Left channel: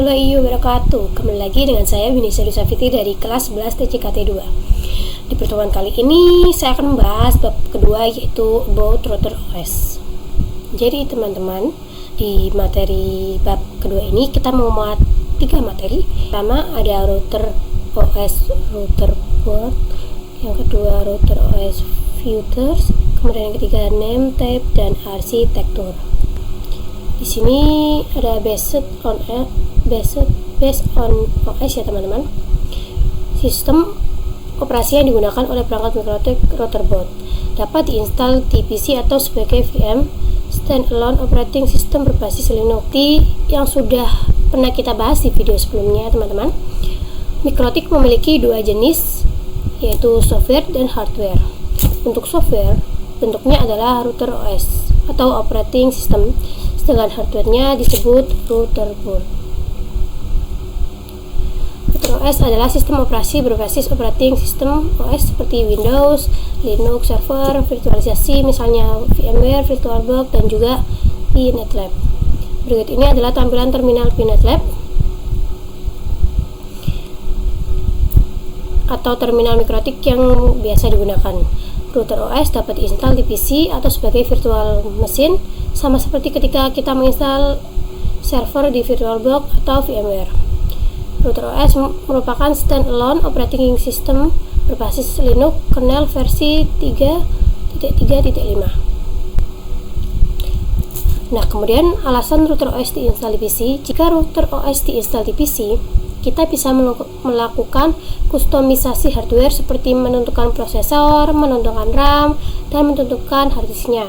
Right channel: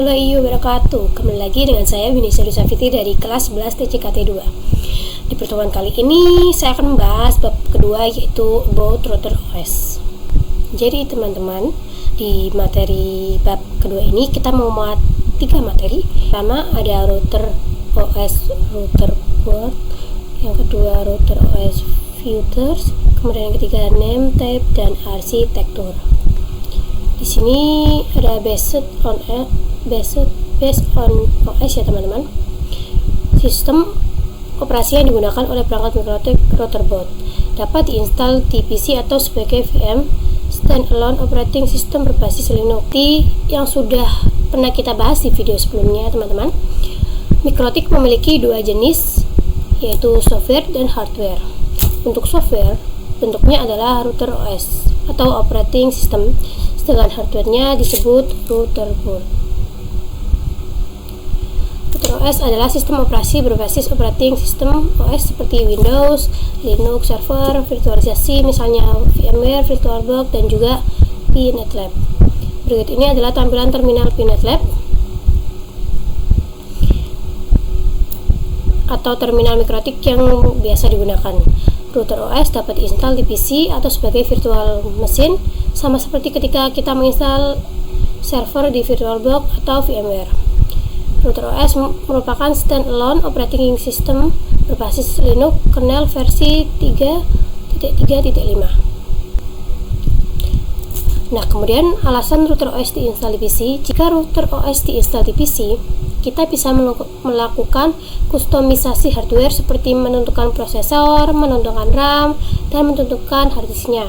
warahmatullahi wabarakatuh. Kembali lagi dengan saya Winnie Safiti dari kelas 11 TCKT 2. Di pertemuan kali ini saya akan membahas bab kedua, yaitu about router OS. Jadi teman-teman, di materi bab kedua ini kita mau muat 3 materi. Pertama ada router OS, router board. Yang kedua router OS filters. Kemudian yang ketiga name, type, dan arsitektur. Di sini ada based on OS ya teman-teman. Sistem operasi yang digunakan oleh perangkat mikrotik router board dapat diinstal di PC atau sebagai VM standalone operating system berbasis Linux. Yang sudah pernah kita bahas di video sebelumnya teman-teman, mikrotik memiliki 2 jenis, yaitu software dan hardware. Untuk software bentuknya adalah router OS atau operating system, sedangkan hardware-nya disebut router board. Router OS adalah sistem operasi berbasis operating system OS seperti Windows, Linux server, virtualisasi misalnya VMware, VirtualBox, dan juga PNetLab. Berikut ini adalah tampilan terminal PNetLab atau terminal mikrotik yang biasa digunakan. Router OS dapat diinstal di PC atau sebagai virtual machine, sama seperti ketika kita menginstal server di VirtualBox atau VMware. Router OS merupakan standalone operating system berbasis Linux kernel versi 3.3.5. Nah, kemudian alasan router OS diinstal di PC. Jika router OS diinstal di PC, kita bisa melakukan kustomisasi hardware seperti menentukan prosesor, menentukan RAM, dan menentukan harddisknya.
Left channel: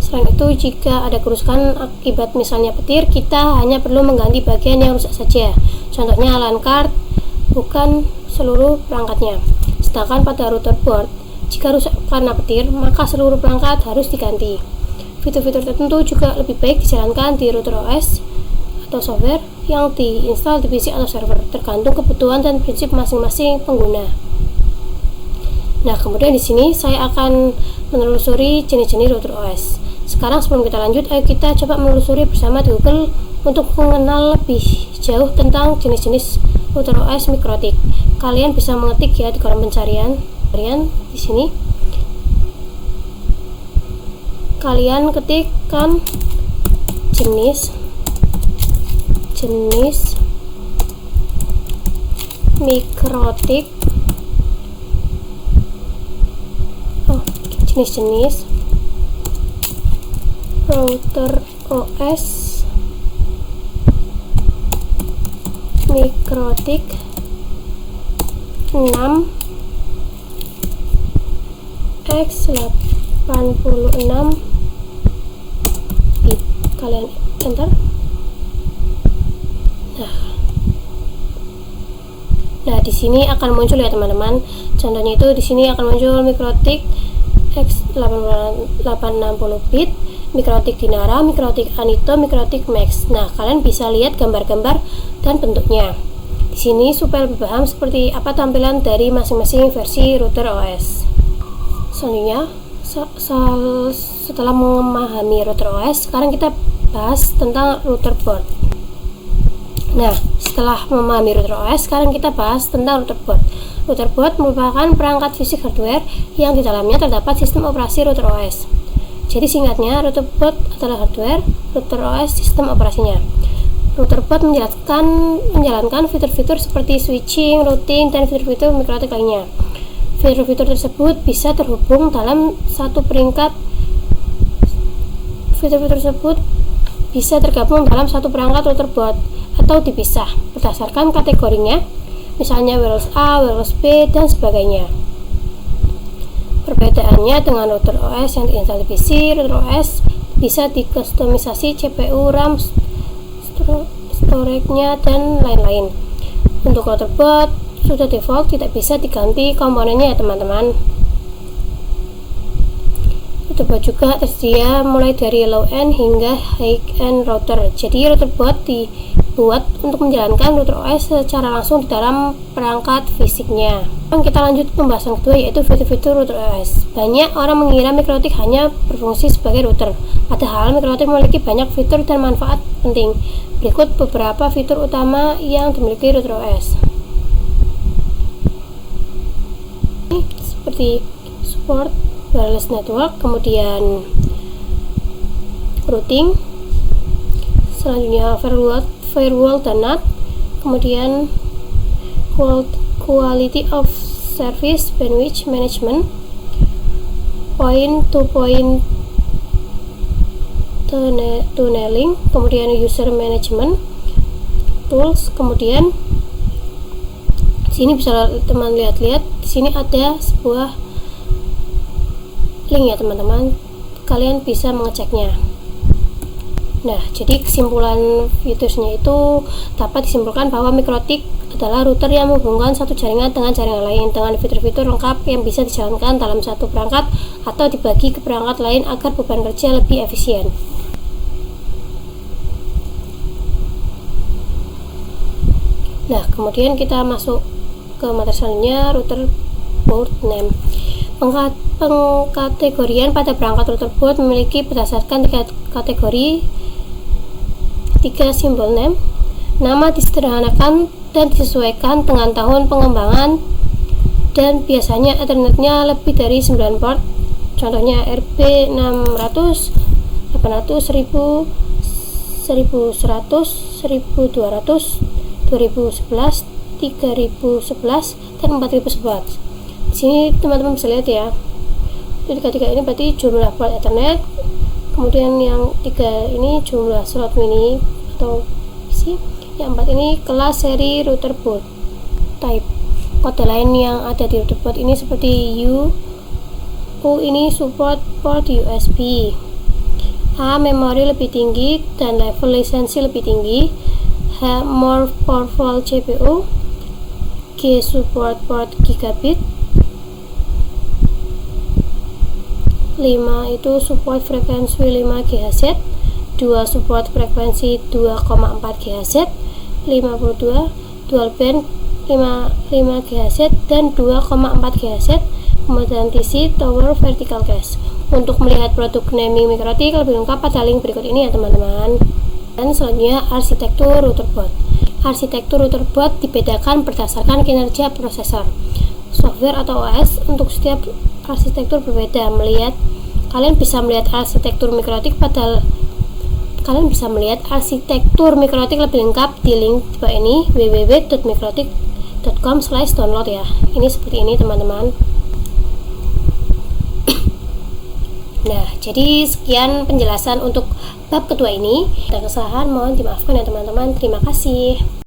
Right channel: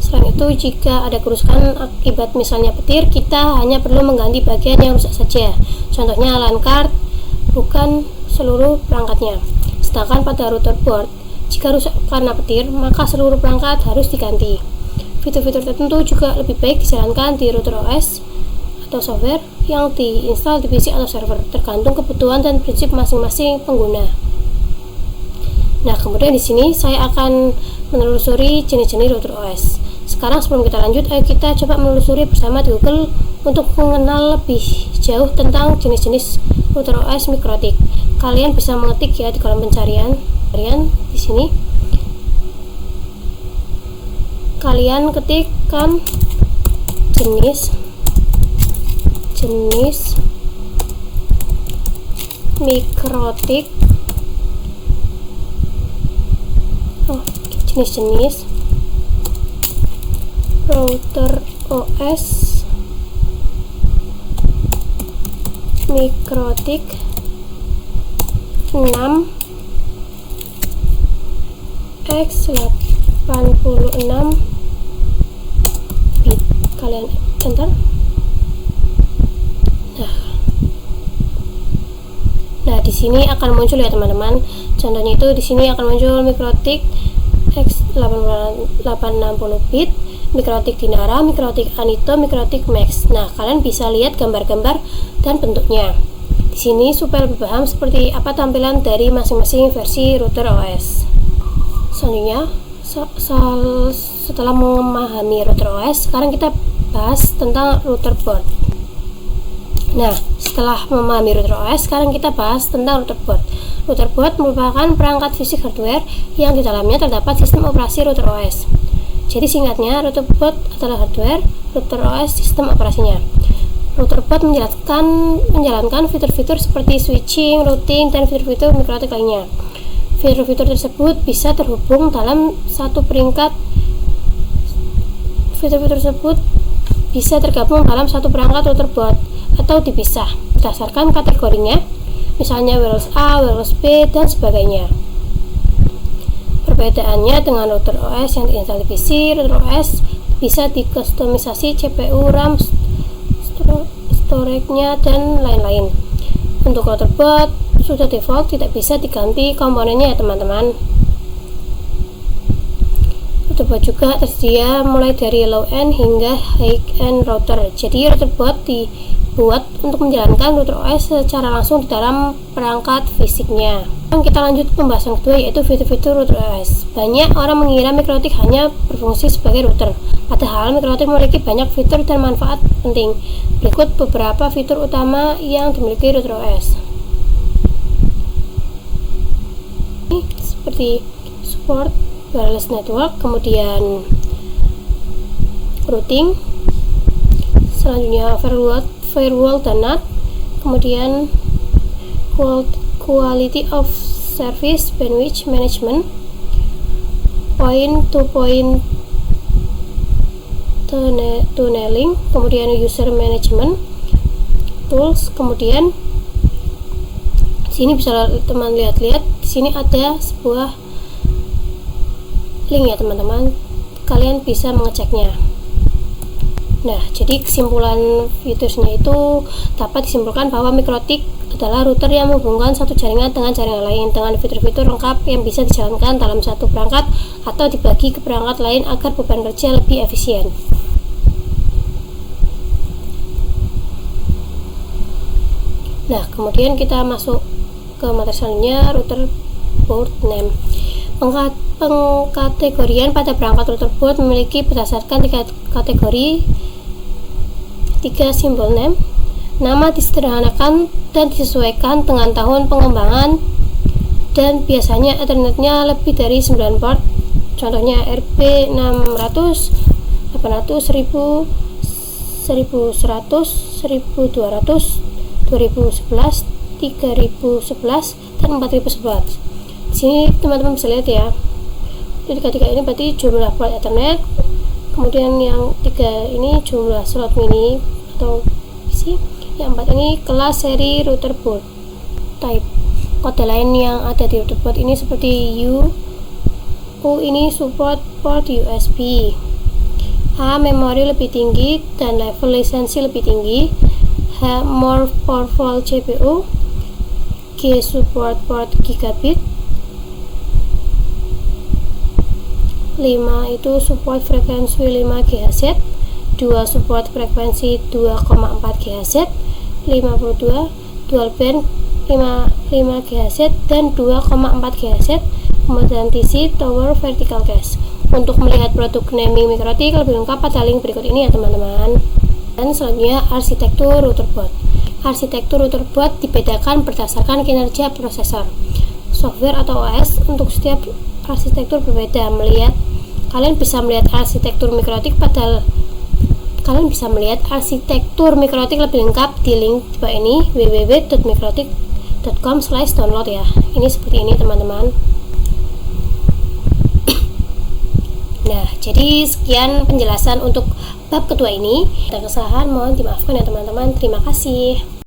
Selain itu, jika ada kerusakan akibat misalnya petir, kita hanya perlu mengganti bagian yang rusak saja. Contohnya LAN card, bukan seluruh perangkatnya. Sedangkan pada router board, jika rusak karena petir, maka seluruh perangkat harus diganti. Fitur-fitur tertentu juga lebih baik dijalankan di router OS atau software yang diinstal di PC atau server, tergantung kebutuhan dan prinsip masing-masing pengguna. Nah, kemudian di sini saya akan menelusuri jenis-jenis router OS. Sekarang sebelum kita lanjut, ayo kita coba menelusuri bersama di Google untuk mengenal lebih jauh tentang jenis-jenis router OS mikrotik. Kalian bisa mengetik ya di kolom pencarian. Di sini kalian ketikkan jenis mikrotik, jenis router OS mikrotik 6x86 bit. Kalian enter. Nah, di sini akan muncul ya teman-teman. Contohnya itu di sini akan muncul mikrotik x860 bit, mikrotik Dinara, mikrotik Anito, mikrotik Max. Nah, kalian bisa lihat gambar-gambar dan bentuknya. Di sini supaya lebih paham seperti apa tampilan dari masing-masing versi router OS. Selanjutnya, setelah memahami router OS, sekarang kita bahas tentang router board. Nah, setelah memahami router OS, sekarang kita bahas tentang router board. Router board merupakan perangkat fisik hardware yang di dalamnya terdapat sistem operasi router OS. Jadi singkatnya, router board adalah hardware, router OS sistem operasinya. Router board menjalankan fitur-fitur seperti switching, routing, dan fitur-fitur mikrotik lainnya. Fitur-fitur tersebut bisa terhubung dalam satu peringkat. Fitur-fitur tersebut bisa tergabung dalam satu perangkat router board atau dipisah berdasarkan kategorinya, misalnya wireless A, wireless B, dan sebagainya. Perbedaannya dengan router OS yang diinstal di PC, router OS bisa dikustomisasi CPU, RAM, storage-nya, dan lain-lain. Untuk router board sudah default, tidak bisa diganti komponennya ya teman-teman. Router board juga tersedia mulai dari low end hingga high end router. Jadi router board buat untuk menjalankan router OS secara langsung di dalam perangkat fisiknya. Kita lanjut pembahasan kedua, yaitu fitur-fitur router OS. Banyak orang mengira MikroTik hanya berfungsi sebagai router, padahal MikroTik memiliki banyak fitur dan manfaat penting. Berikut beberapa fitur utama yang dimiliki router OS. Seperti support wireless network, kemudian routing, selanjutnya firewall dan NAT, kemudian quality of service bandwidth management, point to point tunneling, kemudian user management tools. Kemudian di sini bisa teman lihat-lihat, di sini ada sebuah link ya teman-teman, kalian bisa mengeceknya. Nah, jadi kesimpulan fiturnya itu dapat disimpulkan bahwa MikroTik adalah router yang menghubungkan satu jaringan dengan jaringan lain dengan fitur-fitur lengkap yang bisa dijalankan dalam satu perangkat atau dibagi ke perangkat lain agar beban kerja lebih efisien. Nah, kemudian kita masuk ke materi selanjutnya, router port name. Pengkategorian pada perangkat router port memiliki berdasarkan 3 kategori, 3 simbol name. Nama disederhanakan dan disesuaikan dengan tahun pengembangan, dan biasanya ethernetnya lebih dari 9 port. Contohnya RP 600, 800, 1000, 1100, 1200, 2011, 3011, dan 4011. Di sini teman-teman bisa lihat ya. Jadi ketiga ini berarti jumlah port Ethernet. Kemudian yang 3 ini jumlah slot mini atau PC. Yang 4 ini kelas seri router port type. Kode lain yang ada di router port ini seperti U ini support port USB. A memori lebih tinggi dan level lisensi lebih tinggi. H more powerful CPU. G support port gigabit. 5 itu support frekuensi 5 GHz. 2 support frekuensi 2,4 GHz. 52 dual band 5 GHz dan 2,4 GHz. Kemudian TC tower vertical case. Untuk melihat produk naming MikroTik lebih lengkap pada link berikut ini ya teman-teman. Dan selanjutnya arsitektur router board. Arsitektur router board dibedakan berdasarkan kinerja prosesor, software atau OS. Untuk setiap arsitektur berbeda. Kalian bisa melihat arsitektur MikroTik lebih lengkap di link di bawah ini, www.mikrotik.com/download ya. Ini seperti ini teman-teman. Nah, jadi sekian penjelasan untuk bab kedua ini. Ada kesalahan mohon dimaafkan ya teman-teman. Terima kasih.